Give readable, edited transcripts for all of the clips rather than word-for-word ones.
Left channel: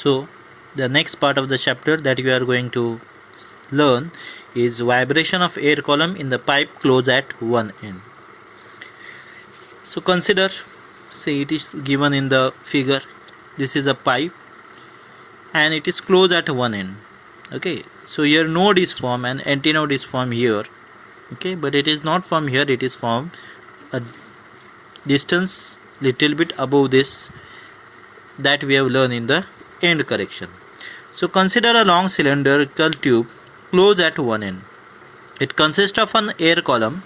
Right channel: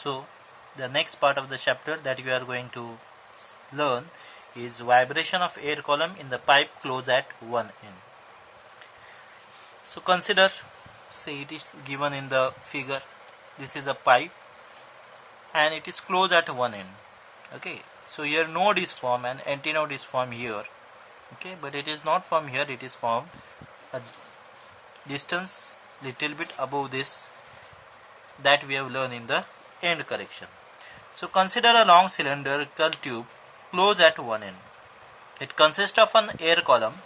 So the next part of the chapter that we are going to learn is vibration of air column in the pipe closed at one end. So consider, say it is given in the figure, this is a pipe and it is closed at one end. Okay, so here node is formed and antinode is formed here. Okay, but it is not from here, it is from a distance little bit above this that we have learned in the end correction. So consider a long cylindrical tube closed at one end. It consists of an air column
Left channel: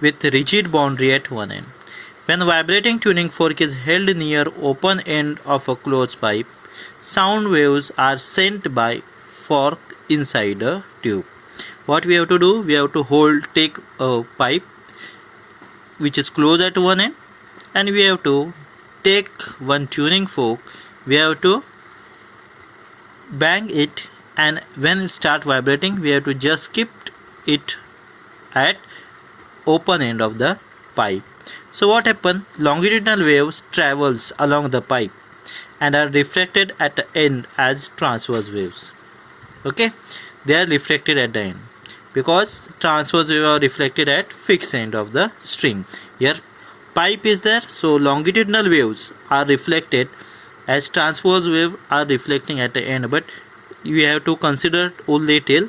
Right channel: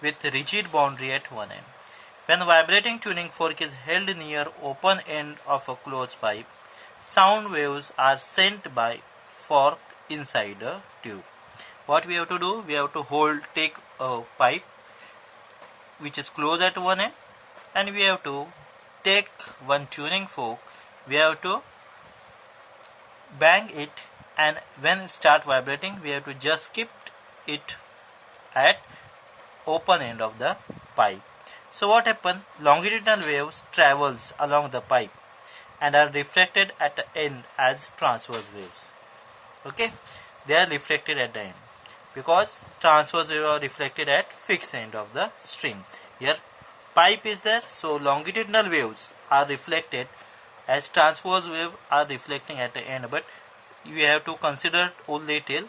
with rigid boundary at one end. When vibrating tuning fork is held near open end of a closed pipe, sound waves are sent by fork inside a tube. What we have to do? We have to take a pipe which is closed at one end, and we have to take one tuning fork. We have to bang it, and when it starts vibrating, we have to just keep it at open end of the pipe. So what happens? Longitudinal waves travels along the pipe and are reflected at the end as transverse waves. Okay, they are reflected at the end because transverse waves are reflected at fixed end of the string. Here pipe is there, so longitudinal waves are reflected as transverse wave are reflecting at the end, but we have to consider only till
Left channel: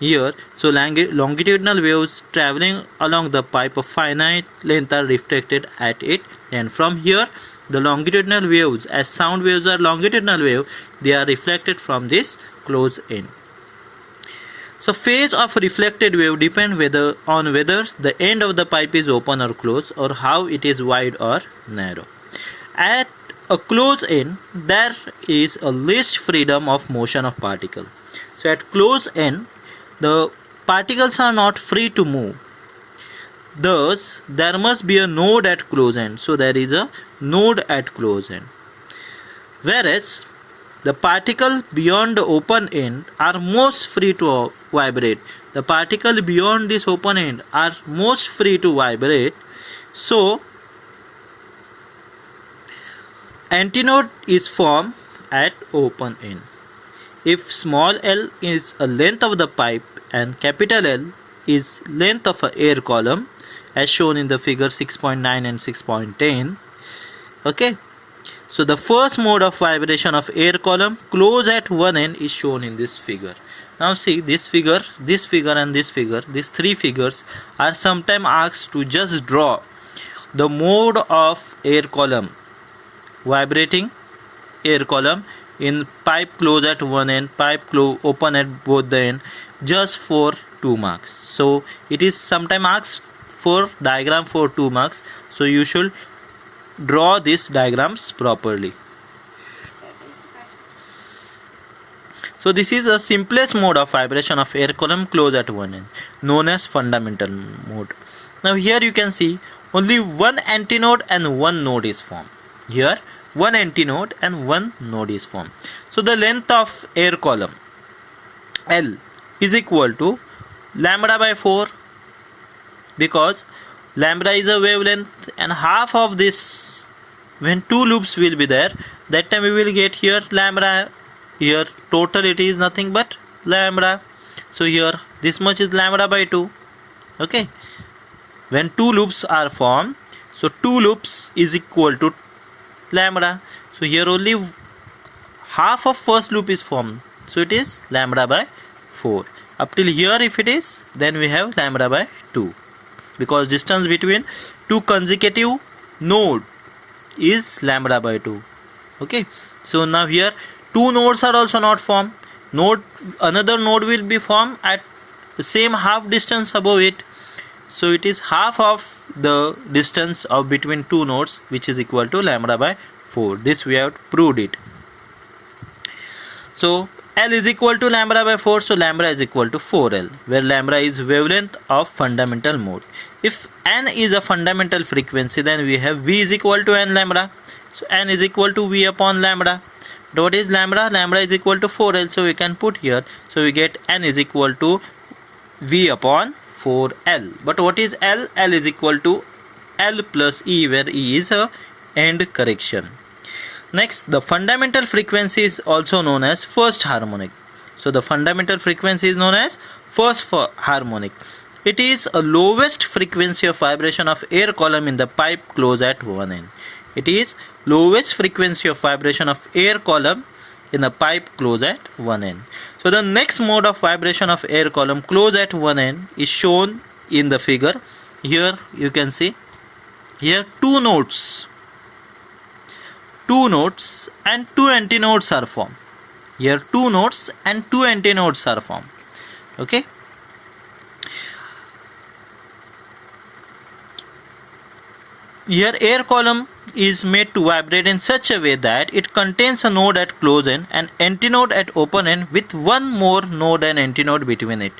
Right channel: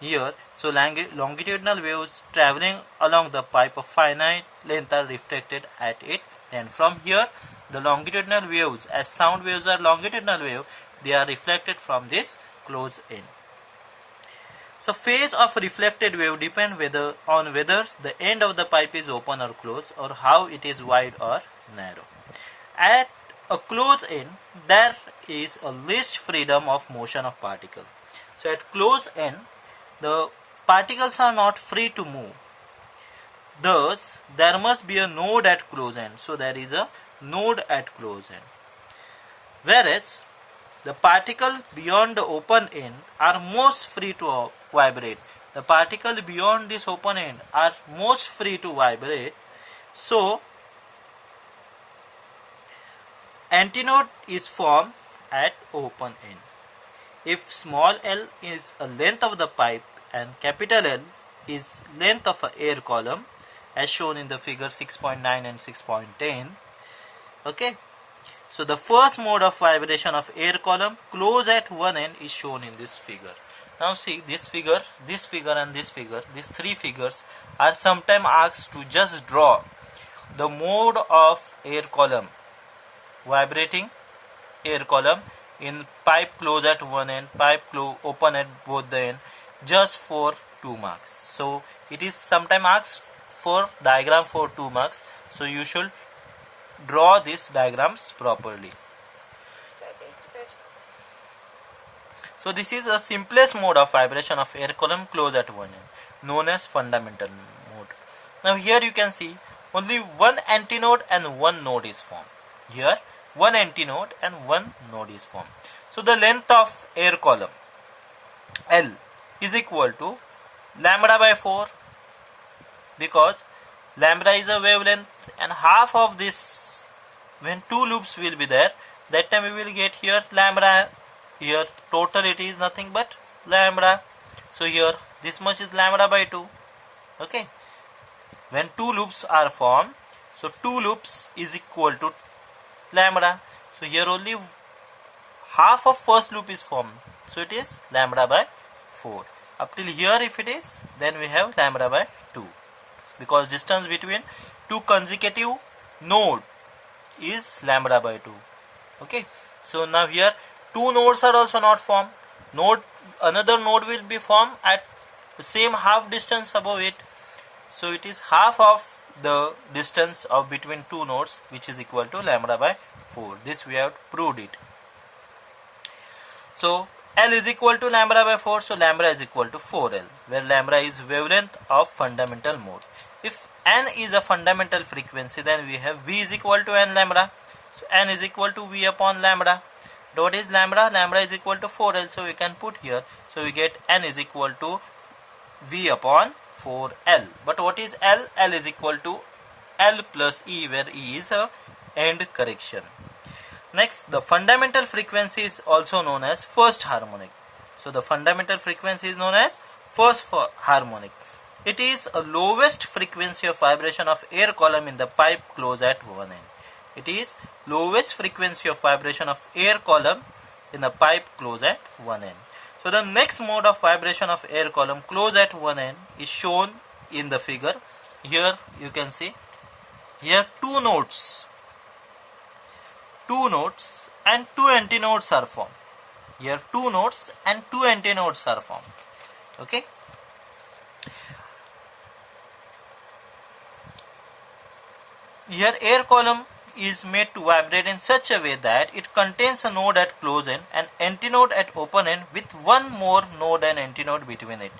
here. So longitudinal waves traveling along the pipe of finite length are reflected at it, and from here the longitudinal waves, as sound waves are longitudinal wave, they are reflected from this closed end. So phase of reflected wave depend on whether the end of the pipe is open or closed, or how it is wide or narrow. At a closed end, there is a least freedom of motion of particle. So at closed end, the particles are not free to move. Thus, there must be a node at closed end. So there is a node at closed end. Whereas the particles beyond the open end are most free to vibrate. The particles beyond this open end are most free to vibrate. So antinode is formed at open end. If small l is a length of the pipe and capital L is length of an air column, as shown in the figure 6.9 and 6.10. Okay, so the first mode of vibration of air column closed at one end is shown in this figure. Now see, this figure and this figure, these three figures are sometimes asked to just draw the mode of air column, vibrating air column in pipe closed at one end, pipe open at both the end, just for 2 marks. So it is sometimes asked for diagram for 2 marks. So you should draw these diagrams properly. So this is the simplest mode of vibration of air column closed at one end, known as fundamental mode. Now here you can see only one antinode and one node is formed. Here one antinode and one node is formed. So the length of air column L is equal to lambda by 4, because lambda is a wavelength, and half of this, when 2 loops will be there, that time we will get here lambda. Here total it is nothing but lambda. So here this much is lambda by 2. Okay, when 2 loops are formed, so 2 loops is equal to lambda. So here only half of first loop is formed, so it is lambda by 4. Up till here if it is, then we have lambda by 2, because distance between 2 consecutive node is lambda by 2. Okay, so now here 2 nodes are also not formed. Another node will be formed at the same half distance above it. So it is half of the distance of between 2 nodes, which is equal to lambda by 4. This we have proved it. So L is equal to lambda by 4, so lambda is equal to 4L, where lambda is wavelength of fundamental mode. If N is a fundamental frequency, then we have V is equal to N lambda. So N is equal to V upon lambda. What is lambda? Lambda is equal to 4L, so we can put here. So we get N is equal to V upon 4L. But what is L? L is equal to L plus E, where E is a end correction. Next, the fundamental frequency is also known as first harmonic. So the fundamental frequency is known as first harmonic. It is a lowest frequency of vibration of air column in the pipe closed at one end. It is lowest frequency of vibration of air column in a pipe closed at one end. So the next mode of vibration of air column closed at one end is shown in the figure. Here you can see, here two nodes and two antinodes are formed. Here two nodes and two antinodes are formed. Okay. Here air column is made to vibrate in such a way that it contains a node at close end and antinode at open end with one more node and antinode between it.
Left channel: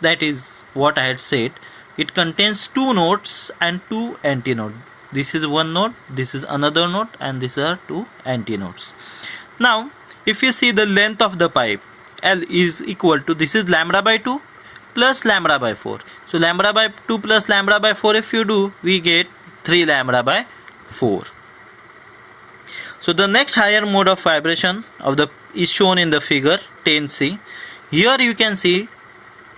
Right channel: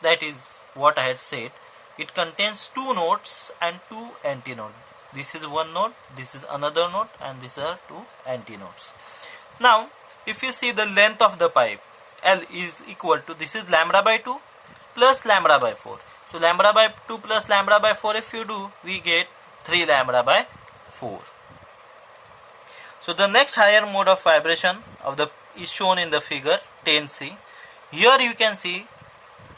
That is what I had said. It contains two nodes and two antinodes. This is one node, this is another node, and these are two antinodes. Now, if you see the length of the pipe, L is equal to, this is lambda by 2 plus lambda by 4. So lambda by 2 plus lambda by 4, if you do, we get 3 lambda by 4. So the next higher mode of vibration of the is shown in the figure 10C. Here you can see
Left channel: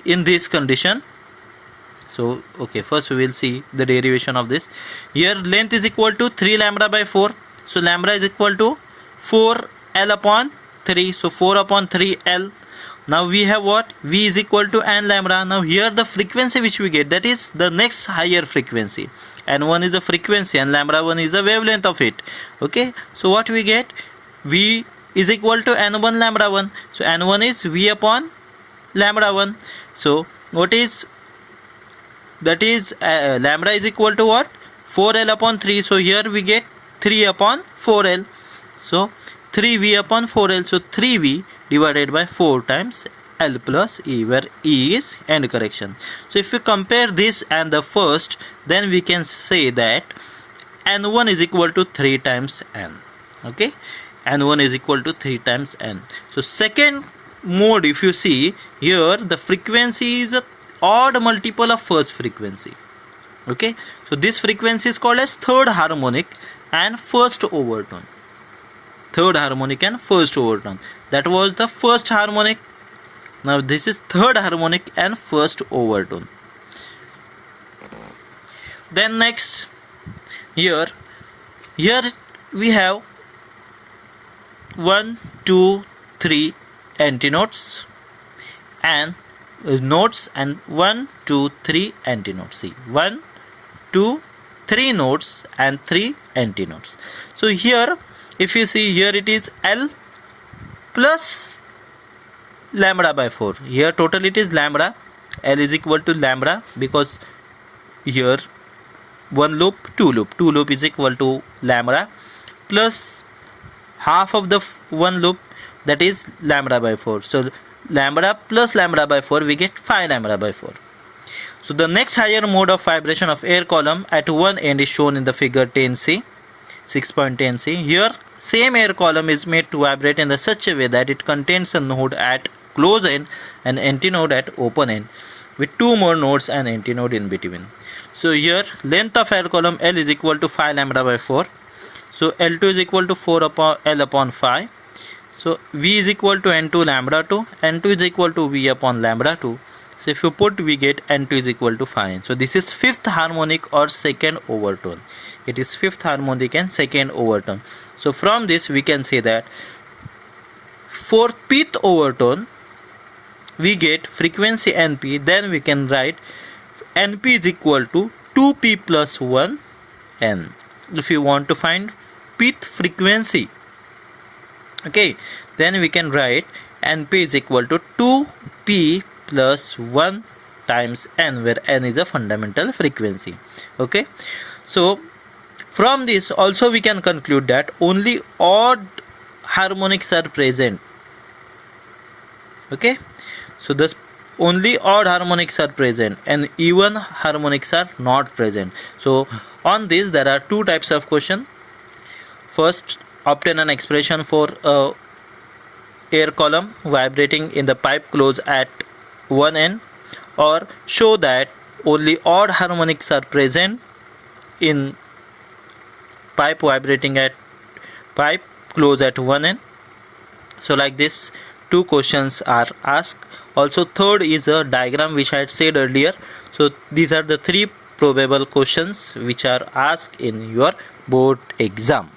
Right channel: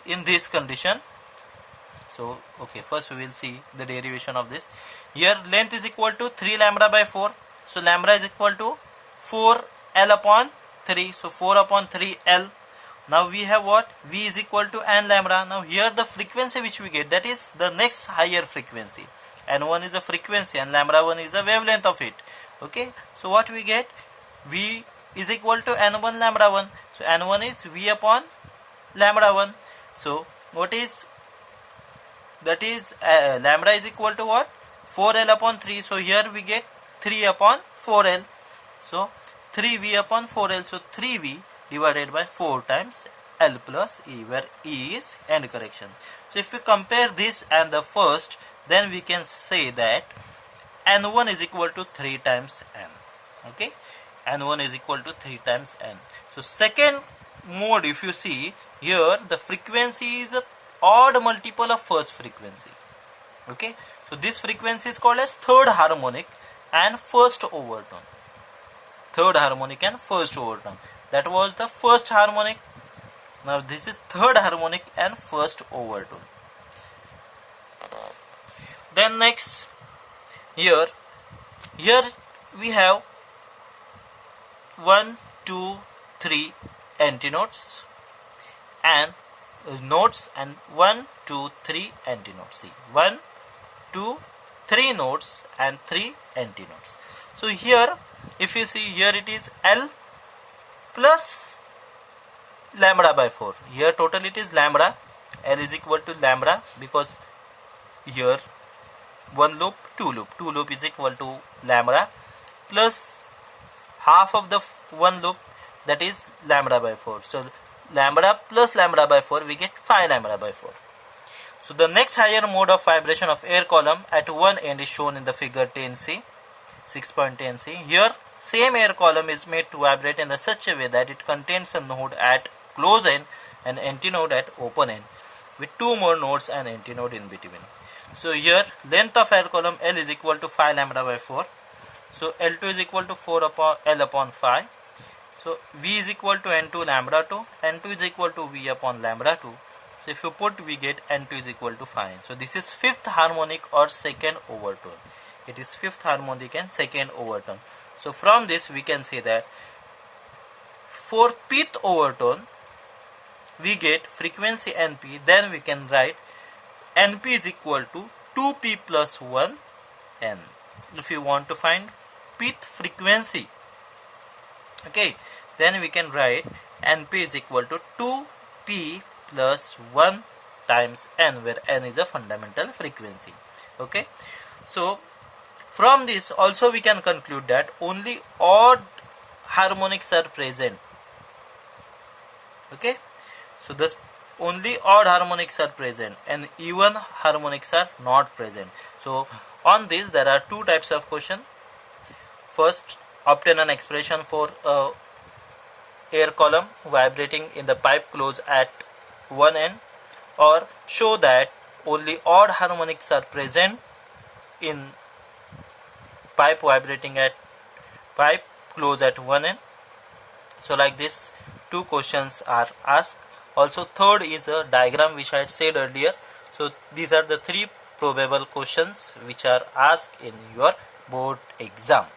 in this condition. So okay, first we will see the derivation of this. Here length is equal to 3 lambda by 4. So lambda is equal to 4 L upon 3. So 4 upon 3 L. Now we have what? V is equal to n lambda. Now here the frequency which we get, that is the next higher frequency. N1 is the frequency and lambda 1 is the wavelength of it. Okay. So what we get? V is equal to n1 lambda 1. So n1 is V upon lambda 1. So what is, that is lambda is equal to what? 4L upon 3. So here we get 3 upon 4L. So 3V upon 4L. So 3V divided by 4 times L plus E, where E is end correction. So if we compare this and the first, then we can say that N1 is equal to 3 times N. Okay. N1 is equal to 3 times N. So second mode, if you see here, the frequency is a odd multiple of first frequency. Okay. So this frequency is called as third harmonic and first overtone. Third harmonic and first overtone. That was the first harmonic. Now this is third harmonic and first overtone. Then next, here we have 1, 2, 3 antinodes and nodes and 1, 2, 3 antinodes. See, 1, 2, 3 nodes and 3 antinodes. So here, if you see here, it is L plus lambda by 4. Here total it is lambda. L is equal to lambda because here one loop, two loop is equal to lambda plus half of the one loop, that is lambda by 4. So lambda plus lambda by 4, we get 5 lambda by 4. So the next higher mode of vibration of air column at one end is shown in the figure 10C, 6.10C. Here same air column is made to vibrate in such a way that it contains a node at close end and antinode at open end with two more nodes and antinode in between. So here length of air column L is equal to 5 lambda by 4. So L2 is equal to 4 upon L upon 5. So V is equal to N2 lambda 2. N2 is equal to V upon lambda 2. So if you put, we get N2 is equal to 5. So this is fifth harmonic or second overtone. It is fifth harmonic and second overtone. So from this we can say that for pth overtone we get frequency Np. Then we can write Np is equal to 2p plus 1 N. If you want to find pth frequency, okay, then we can write Np is equal to 2p plus 1 times N, where N is a fundamental frequency. Okay, so from this also we can conclude that only odd harmonics are present. Okay, so this only odd harmonics are present and even harmonics are not present. So on this there are two types of question. First, obtain an expression for air column vibrating in the pipe close at one end, or show that only odd harmonics are present in pipe vibrating at pipe close at one end. So like this, two questions are asked. Also third is a diagram which I had said earlier. So these are the three probable questions which are asked in your board exam.